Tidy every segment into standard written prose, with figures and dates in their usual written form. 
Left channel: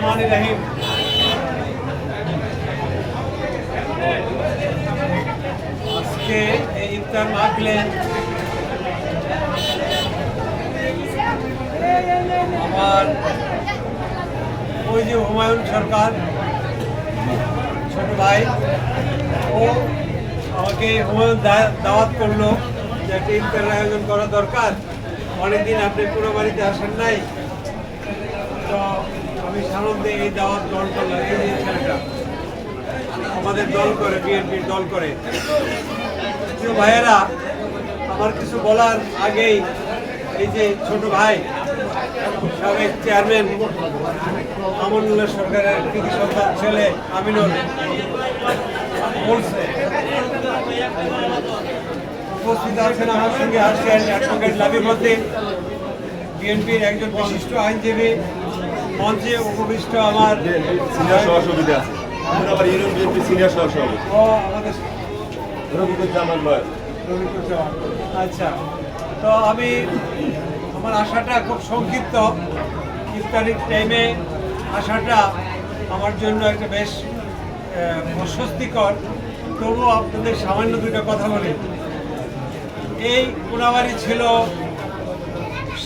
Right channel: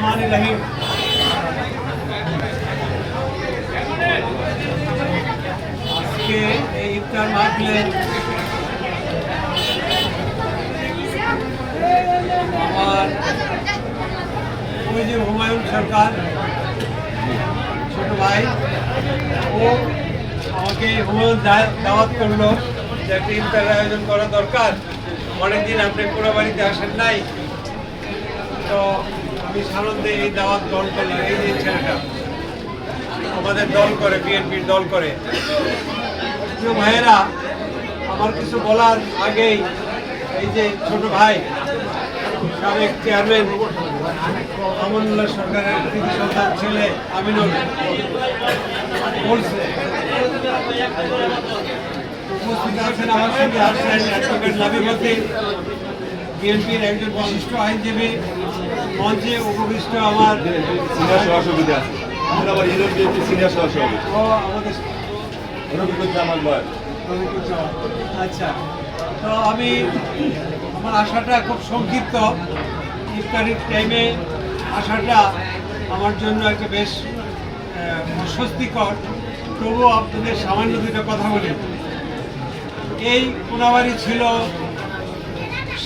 রহমানির রহিম। আজকে এই ইফতার মাহফিলে আমার ওই যে হুমায়ুন সরকার ছোট ভাই, ও আমাকে হুমায়ুন দাওয়াত করলো যে একটা ইফতারের আয়োজন করা দরকার, অনেকদিন আপনি পুরো বাড়িতে আসেন নাই, তো আমি সানন্দে এই দাওয়াত দল করলাম। এই যে ছেলেটা আমাদের দল করে, বিএনপির দল করে। প্রিয় ভাইয়েরা, আমার কিছু বলার আগেই এই যে ছোট ভাই সাবেক চেয়ারম্যান আমানুল্লাহ সরকারের কৃতি সন্তান ছেলে আমিনুল বলছে, উপস্থিত আছেন আমার সঙ্গে আসছেন অ্যাডভোকেট লাবিব উদ্দিন, বিএনপির একজন বিশিষ্ট আইনজীবী, মঞ্চে উপবিষ্ট আমার সিনিয়র সহসভাপতি আছে, আমরা আবার ইউনিয়ন বিএনপি সিনিয়র সহসভাপতি ও আমাদের রবিকুজ্জামান লয়। আচ্ছা, তো আমার আশাটা খুব সংক্ষিপ্ত। ইফতারির টাইমে আসাটা আমার জন্য একটা বেশ অস্বস্তিকর। তবুও আপনাদের সামান্য দুটো কথা বলি। এই কোনাবাড়ি ছিল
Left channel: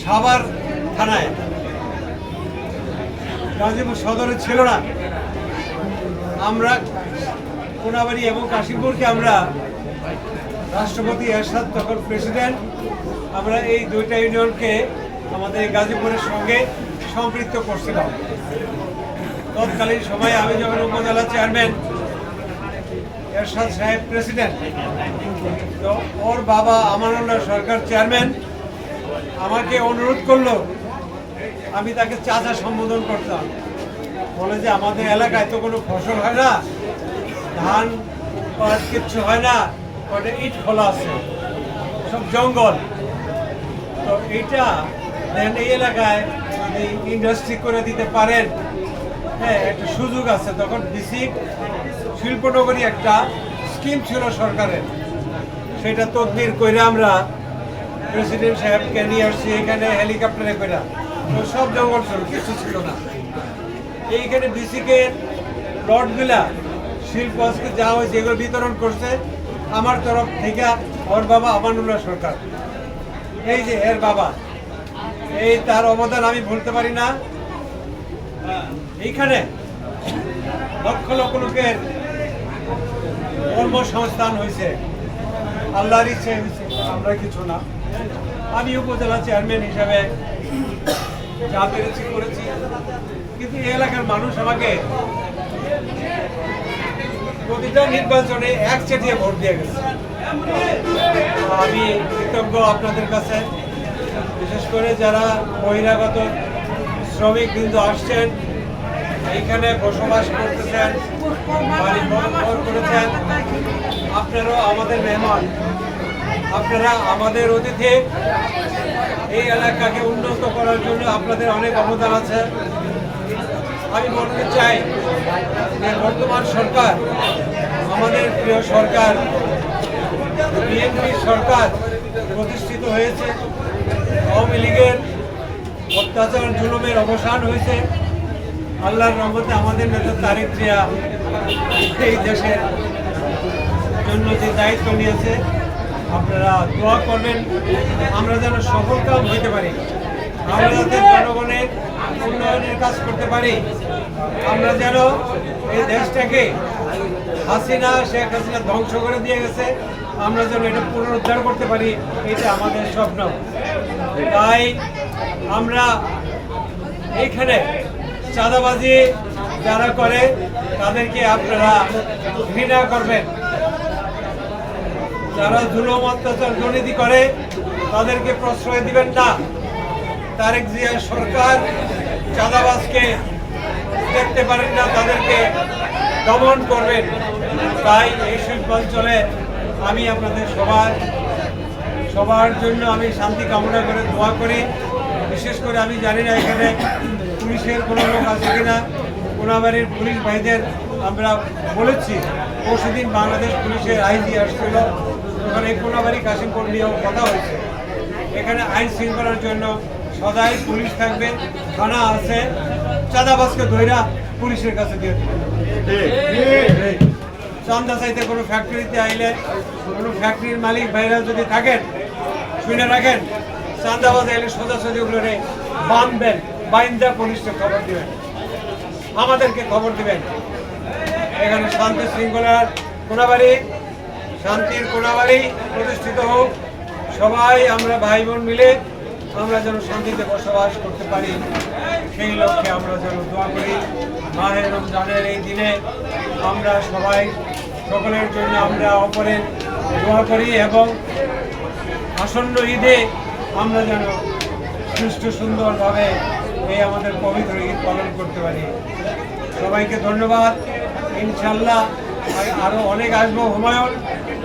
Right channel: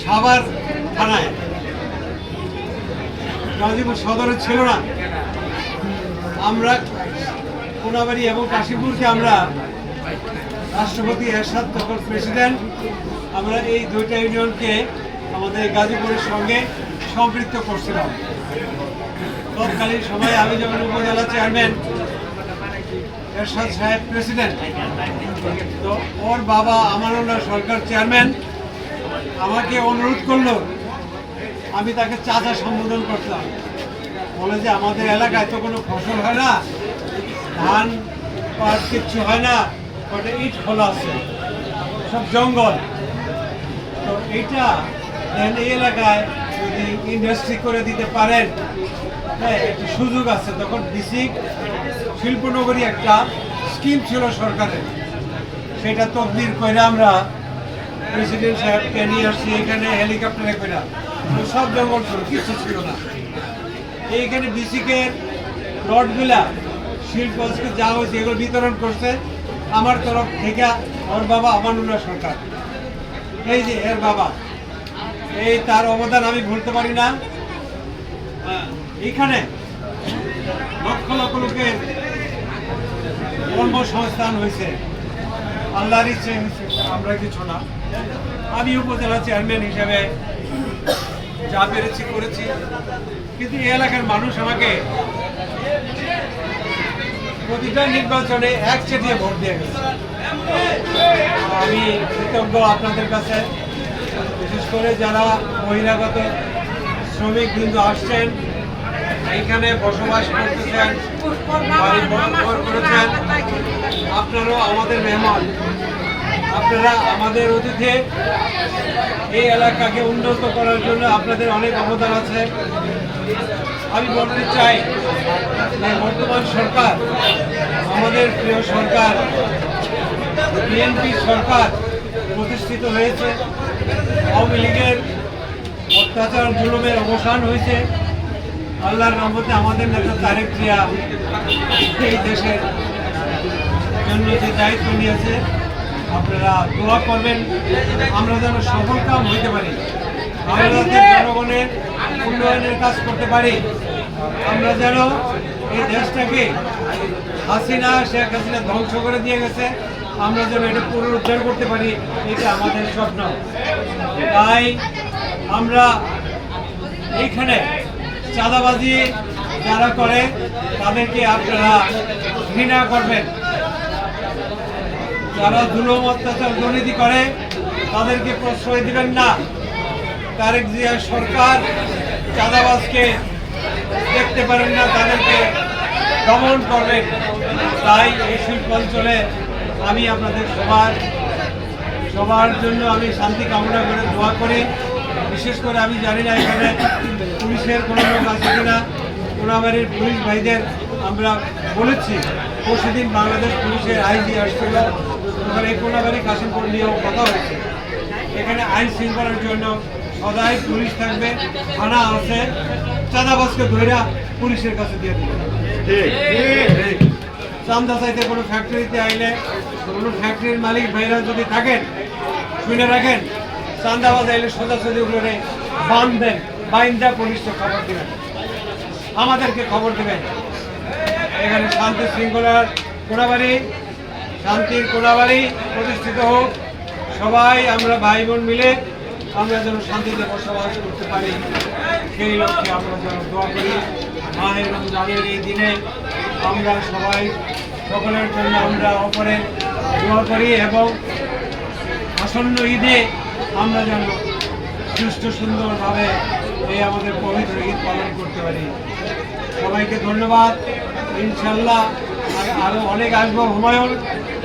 সাভার থানায়, গাজীপুর সদরে ছিল না। আমরা কোনাবাড়ি এবং কাশীপুরকে আমরা রাষ্ট্রপতি এরশাদ তখন প্রেসিডেন্ট, আমরা এই দুইটা ইউনিয়নকে আমাদের গাজীপুরের সঙ্গে সম্পৃক্ত করছিলাম। তৎকালীন সময়ে আমি যখন উপজেলা চেয়ারম্যান, এরশাদ সাহেব প্রেসিডেন্ট, তো ওর বাবা আমানুল্লাহ সরকার চেয়ারম্যান, আমাকে অনুরোধ করলো আমি তাকে চাচা সম্বোধন করতাম। বলে যে আমাদের এলাকায় তো কোনো ফসল হয় না, ধান পাট কিচ্ছু হয় না, ওটা ইট খোলা আছে, সব জঙ্গল। তো এইটা এই এলাকায় যদি ইন্ডাস্ট্রি করে দিতে পারেন, হ্যাঁ একটা সুযোগ আছে। তখন বিসিক শিল্পনগরী একটা স্কিম ছিল সরকারের, সেটা তদবির করে আমরা প্রেসিডেন্ট সাহেবকে নিয়ে আসছি এখানে হেলিকপ্টারে করে। সব জঙ্গল ছিল, কিছু ছিল না। এইখানে বিসিকের প্লটগুলা শিল্প আজকে যা হয়েছে এগুলো বিতরণ করছে আমার তরফ থেকে ওর বাবা আমানুল্লাহ সরকার, এই যে এর বাবা, এই তার অবদান আমি ভুলতে পারি না। এইখানে লক্ষ লক্ষ লোকের কর্মসংস্থান হয়েছে, আল্লাহর ইচ্ছে হয়েছে, আমরা কিছু না। আমি উপজেলা চেয়ারম্যান হিসাবে যা পেরেছি করেছি, কিন্তু এই এলাকার মানুষ আমাকে প্রতিটা নির্বাচনে একচেটিয়া ভোট দিয়ে গেছে। আমি কৃতজ্ঞ আপনাদের কাছে, বিশেষ করে যারা বহিরাগত শ্রমিক বিন্দু আসছেন, এইখানে বসবাস করতেছেন, বাড়ি বহন করেছেন, আপনারাও আমাদের মেহমান, আপনারা আমাদের অতিথি। এই এলাকাকে উন্নত করার জন্য আপনাদের অনেক অবদান আছে। আমি বলতে চাই যে বর্তমান সরকার, আমাদের প্রিয় সরকার বিএনপি সরকার প্রতিষ্ঠিত হয়েছে, আওয়ামী লীগের অত্যাচার জুলুমের অবসান হয়েছে। আল্লাহর রহমতে আমাদের নেতা তারেক জিয়া এই দেশের জন্য যে দায়িত্ব নিয়েছে, আপনারা দোয়া করবেন আমরা যেন সফল কাম হইতে পারি, আমরা যাতে জনগণের উন্নয়নের কাজ করতে পারি, আমরা যেন এই দেশটাকে শেখ হাসিনা ধ্বংস করে দিয়ে গেছে, আমরা যেন এটা পুনরুদ্ধার করতে পারি, এটা আমাদের স্বপ্ন। তাই আমরা এইখানে চাঁদাবাজি যারা করে তাদেরকে আপনারা ঘৃণা করবেন, যারা জুলুম অত্যাচার দুর্নীতি করে তাদেরকে প্রশ্রয় দিবেন না। তারেক জিয়ার সরকার চাঁদাবাজকে দেখতে পারেন না, তাদেরকে দমন করবেন। তাই এই শিল্পাঞ্চলে আমি আপনাদের সবার জন্য আমি শান্তি কামনা করে দোয়া করি। বিশেষ করে আমি জানি না এখানে পুলিশের কোনো লোক আছে কিনা, কোনাবাড়ির পুলিশ ভাইদের আমরা বলেছি, পরশুদিন বাংলাদেশ পুলিশের আইজি আসছিল, ওখানে কোনাবাড়ি কাশিমপুর নিয়েও কথা হয়েছে। এখানে আইন শৃঙ্খলার জন্য সদাই পুলিশ থাকবে, থানা আছে, চাঁদাবাজকে ধইরা পুলিশের কাছে দিয়ে দিবেন। ঠিক চান্দা চাইতে কোনো ফ্যাক্টরিতে আইলে কোনো ফ্যাক্টরির মালিক ভাইরা যদি থাকেন, শুনে রাখেন, চান্দাবাজ আইলে সোজাসুজি ওগুলোরে বাঁধবেন, বাইন্দা পুলিশকে খবর দিবেন, আমাদেরকে খবর দিবেন। এখানে শান্তি শৃঙ্খলার কোনাবাড়ি, শান্তির কোনাবাড়ি প্রতিষ্ঠিত হোক। সবাই আমরা ভাই বোন মিলে আমরা যেন শান্তিতে বসবাস করতে পারি, সেই লক্ষ্যে আমরা যেন দোয়া করি। মাহে রমজানের এই দিনে আমরা সবাই সকলের জন্য আমরা অপরের দোয়া করি এবং আসন্ন ঈদে আমরা যেন সুষ্ঠু সুন্দরভাবে এই আমাদের পবিত্র ঈদ পালন করতে পারি। সবাইকে ধন্যবাদ। ইনশাল্লাহ আরও অনেক আসবো। হুমায়ুন,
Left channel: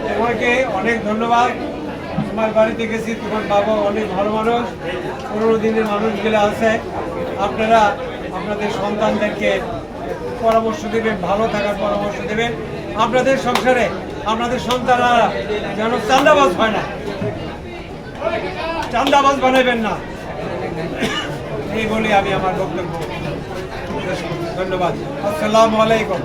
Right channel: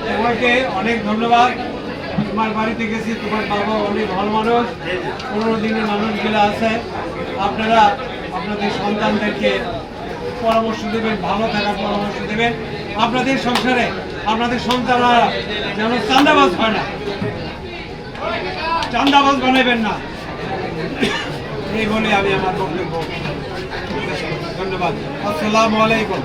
তোমাকে অনেক ধন্যবাদ। তোমার বাড়িতে গেছি, তোমার বাবা অনেক ভালো মানুষ, 15 দিনের মানুষগুলো আছে। আপনারা আপনাদের সন্তানদেরকে পরামর্শ দেবেন, ভালো থাকার পরামর্শ দেবেন। আপনাদের সংসারে আপনাদের সন্তানরা যেন চাঁদাবাজ হয় না, চাঁদাবাজ বানাবেন না, এই বলে আমি আমার বক্তব্য। ধন্যবাদ। আসসালামু আলাইকুম।